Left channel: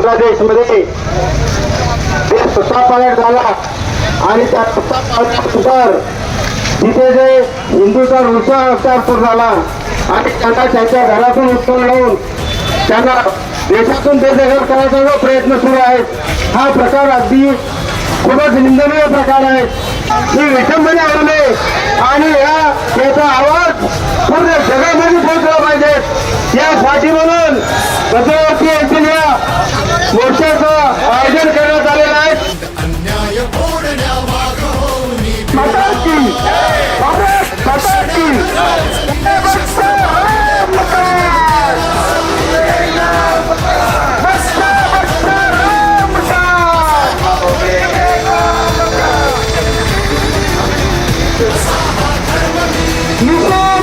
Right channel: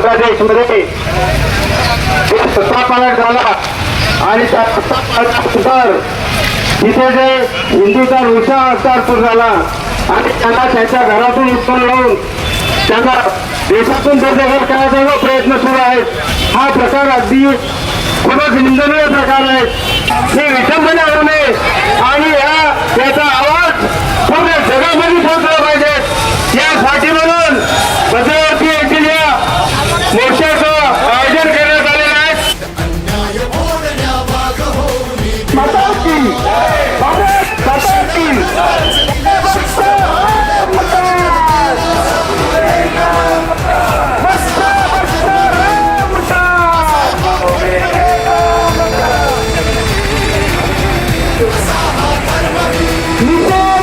प्रदेशमध्ये सत्ता पालट झाला आणि त्या सत्तापालटानंतर तिथे जे हिंदूचा विशाळ अवतार सुरू झाला आणि त्यांना त्यांच्या घरातून उत्पन्न लावून त्यांना देशातून बेदखल करायचा प्रयत्न सुरू आहे. हा प्रकार अगदी खूपच निंदनीय प्रकार आहे. ही विसंबना आणू नये आणि या याचा आवाज पूर्ण जगामध्ये पोहोचला पाहिजे. यासाठी म्हणून गजवरती You